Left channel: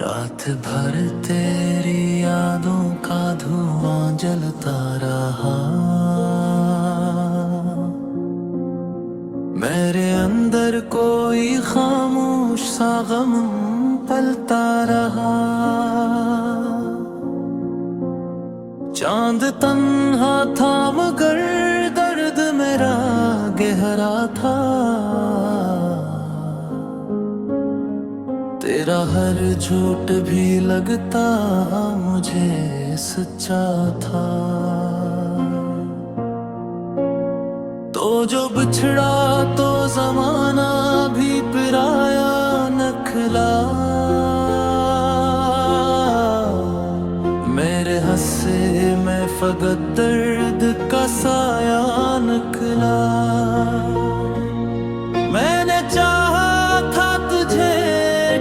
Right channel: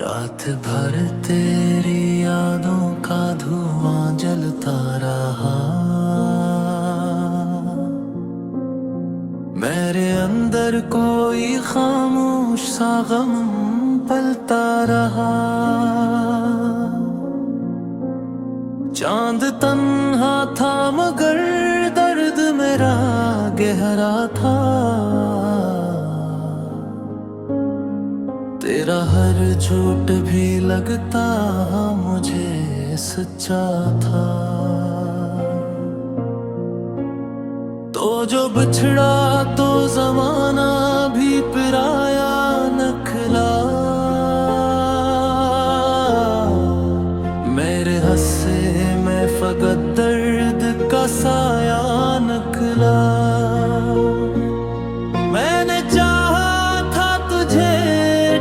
रात भर तेरी यादों का धुआं जलता रहा। मेरे अंदर कोई खामोश सा गम पलता रहा। चांद तन्हा था मगर दर्द मेरा गहरा था। तेरा हर झूठ भी लगता मुझे सच्चा था। तो जो बिछड़ा तो जमाना भी पिराया नखला। मेरे हंसे में फकत दर्द का साया नखला। मैंने चाहा था तुझे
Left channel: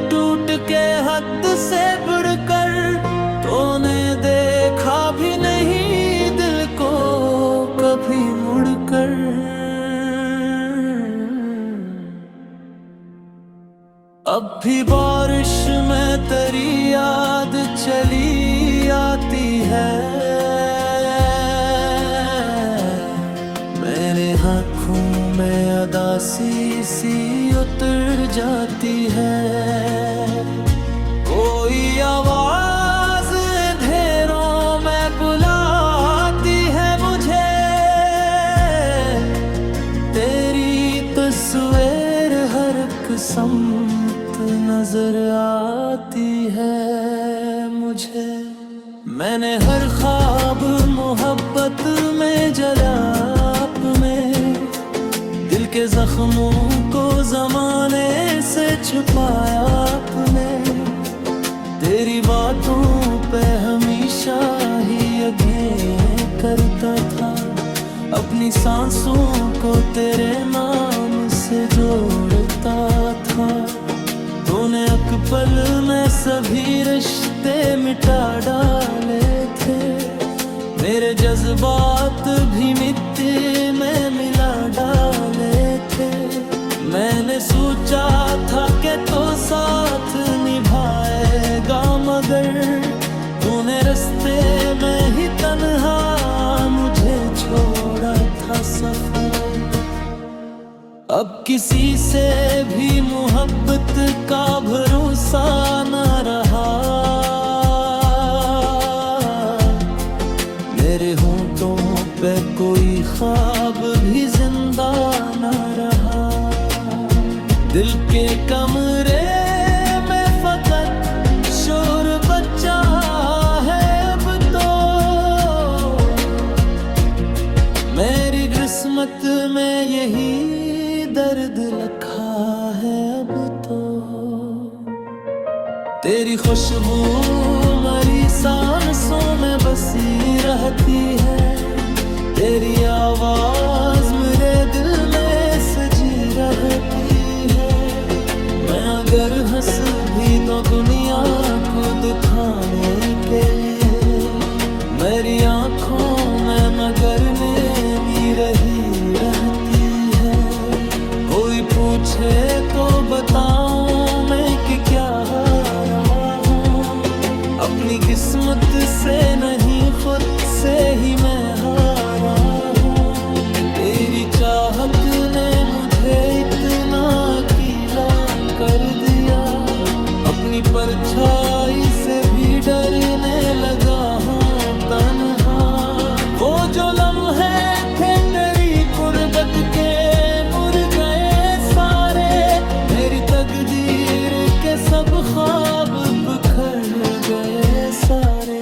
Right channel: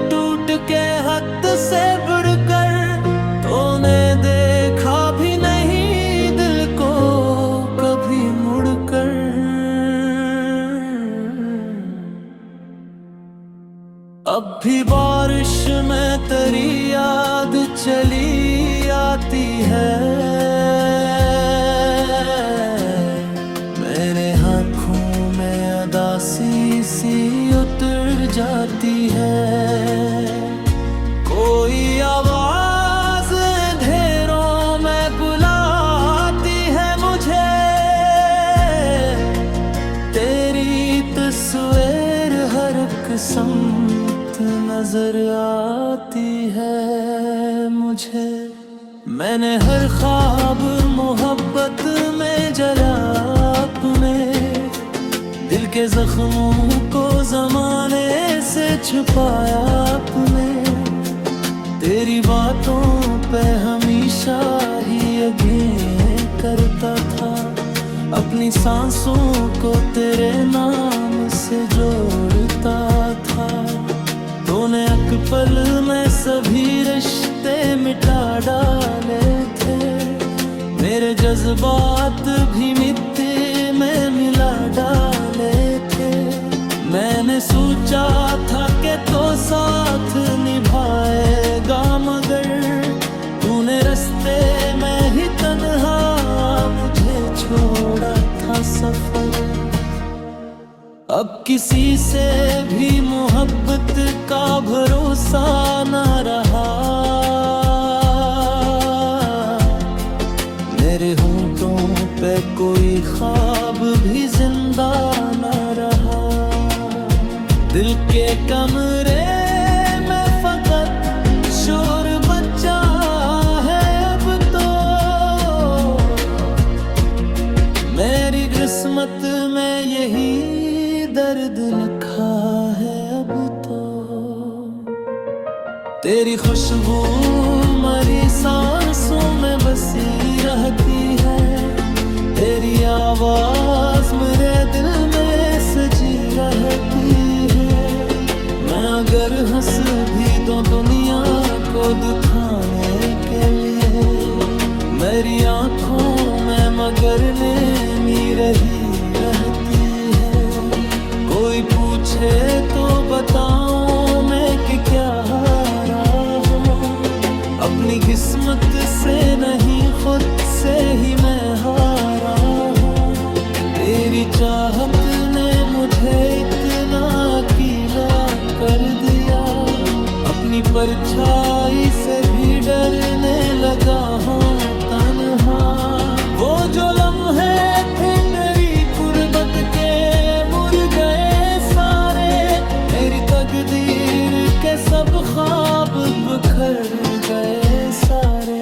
टूट के हद से बढ़कर, तूने देखा भी नहीं दिल को कभी मुड़कर। अब भी बारिश में तेरी याद चली आती है। मेरे आँखों में अदासी सी उतर जाती है। कोई आवाज अंधेरों में बुलाती है मुझे। तेरी तस्वीर हर एक समत नजर आती है मुझे। मैंने हर ख्वाब मोहब्बत में जला अपने, दिल के जख्मों को जमाने से छुपाया अपने। तेरी बातों पे हमेशा ही यकीन करता था, अपनी सांसों को तेरे नाम से जोड़ता था। तूने एक पल में सभी रिश्ते मिटा डाले थे। मेरे जज्बात भी मिट्टी में मिला डाले थे। मैंने सोचा था कि तो साथ निभाएगा, मगर तूने रास्ते में ही तन्हा मुझे छोड़ा था सफर। अब किसी से भी मोहब्बत का भरोसा न रहा। मेरे होंठों पे कोई ख्वाब भी जिंदा न रहा। दिल के कमरे में फकत शोर बचा है अब तो। मेरी किस्मत में यही दर्द लिखा है अब तो। तेरी खुशबू मरी सांसों में बसी रहती है। तेरी आवाज मेरे दिल में सजी रहती है। मैं अगर हंस भी दूं दुनिया को दुखाने के लिए, मेरी आँखों में मगर नेमी रही रहती है। कोई पूछे तो बताऊं मैं कि क्या हारा हूँ। अपनी किस्मत से नहीं खुद से ही मैं हारा हूँ। तेरी चाहत ने मुझे इतना अकेला कर दिया, अपनी परछाई से भी डरने लगा हूँ तन्हा। वो जो लम्हे थे तेरी कुर्बत के मुर गए सारे। मेरी तकदीर के सब ख्वाब बिखर गए सारे।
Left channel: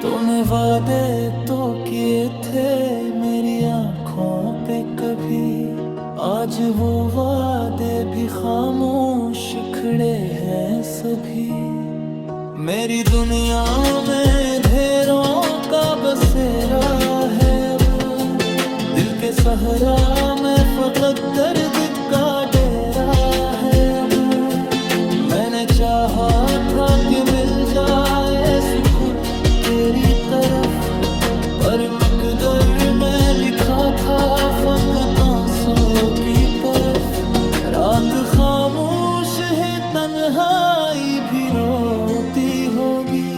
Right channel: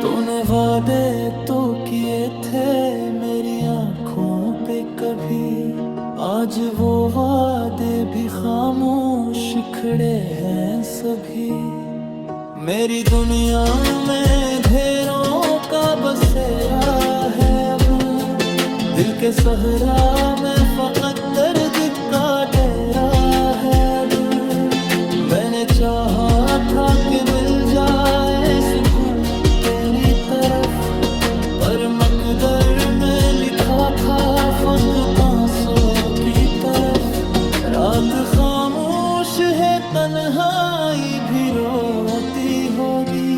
तूने वादे तो किए थे मेरी आँखों पे कभी, आज वो वादे भी खामोश खड़े हैं सभी। मेरी दुनिया में अंधेरों का बसेरा है अब, दिल के सहरा में फकत दर्द का डेरा है अब। मैंने चाहा था कि मिल जाए सुकून तेरी तरफ, पर मकदर में लिखा था फकत आंसू की तरफ। रात खामोश है, तन्हाई भी रोती होगी।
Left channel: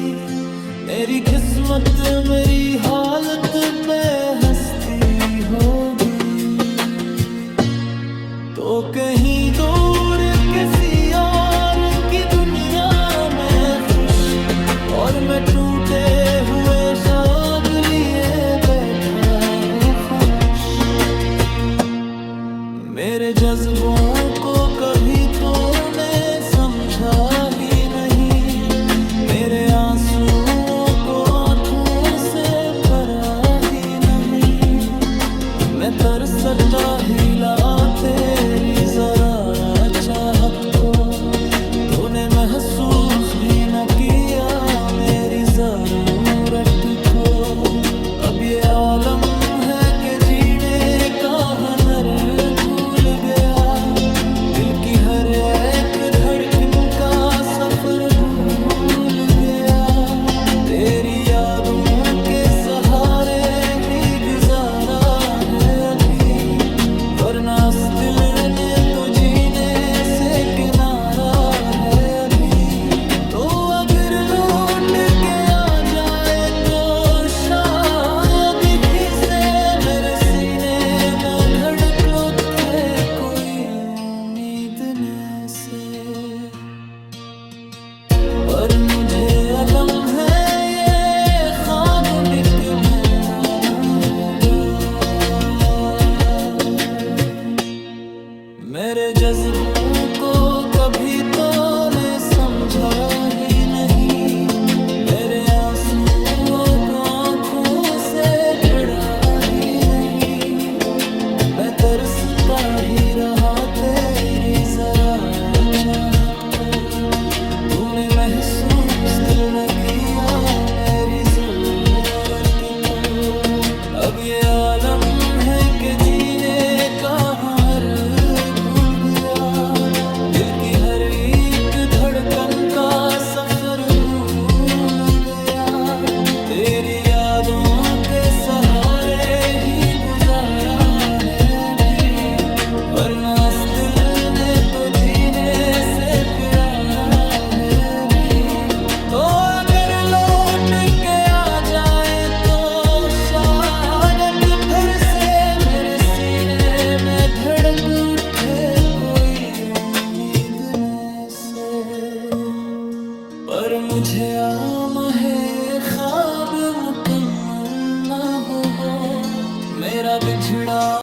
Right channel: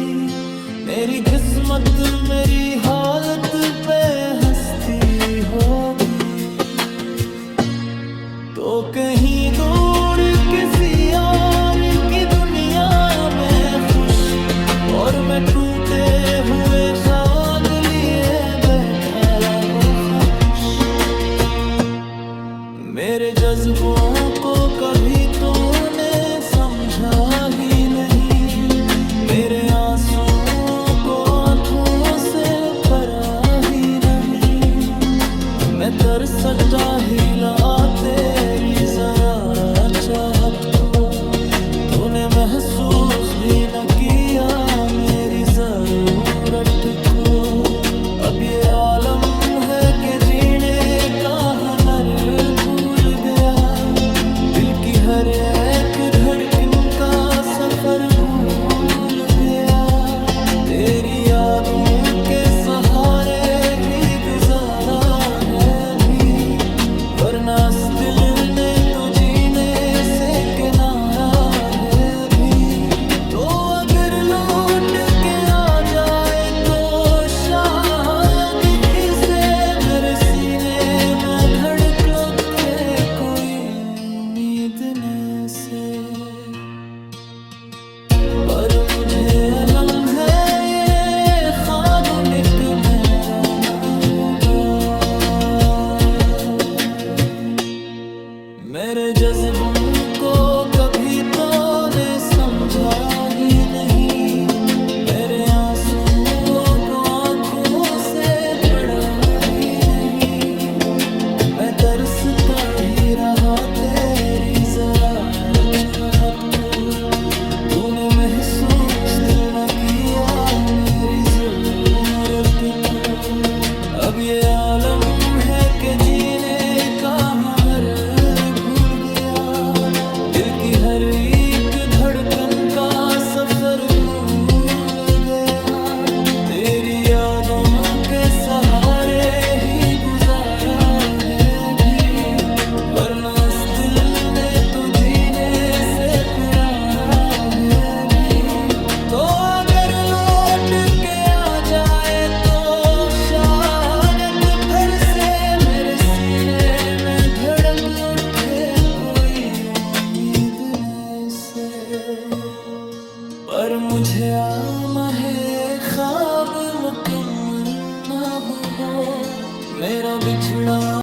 मेरी किस्मत मेरी हालत पे हंसती होगी। तो कहीं दूर किसी और की दुनिया में खुश, और मैं टूटे हुए ख्वाब लिए बैठा हो खामोश। मेरे जज्बों को कभी तूने समझा ही नहीं, मेरे आंसुओं को आंखों से परा ही नहीं। मैं तरसता ही ला तेरी जरा चाहत को, तूने महसूस भी न किया मेरी जरूरत को। अब ये आलम है कि जीने का हुनर भूल गया, दिल की हर एक धड़कन का सफर भूल गया। तेरी यादों के सहारे ही गुजारा है अभी, वरना इस दिल ने तो जीने से किनारा है अभी। तो अगर लौट के आ जाए तो शायद ही से मेरे सीने में धड़क उठे कोई उम्मीद न से। पर मुझे अलम है ये ख्वाब मिक मेरा ना होगा। मेरे जज्बों को कभी तो ने समझा ही नहीं, मेरे आंसुओं को आंखों से पड़ा ही नहीं। मैं तरसता ही रहा तेरी जरा चाहत को, तूने महसूस दिल न किया मेरी जरूरत को। अब ये आलम है कि जीने का हर भूल गया, दिल की हर एक धड़कन का सफर भूल गया। तेरी यादों के सहारे ही गुजारा है भी, वरना इस दिल ने तो जीने से प्यारा है भी। तो अगर लौट के आ जाए तो शायद फिर से मेरे सीने में धड़क उठे कोई उम्मीद न से। पर मुझे आम है ये ख्वाब मुकम्मल ना हो, मेरा बिछड़ा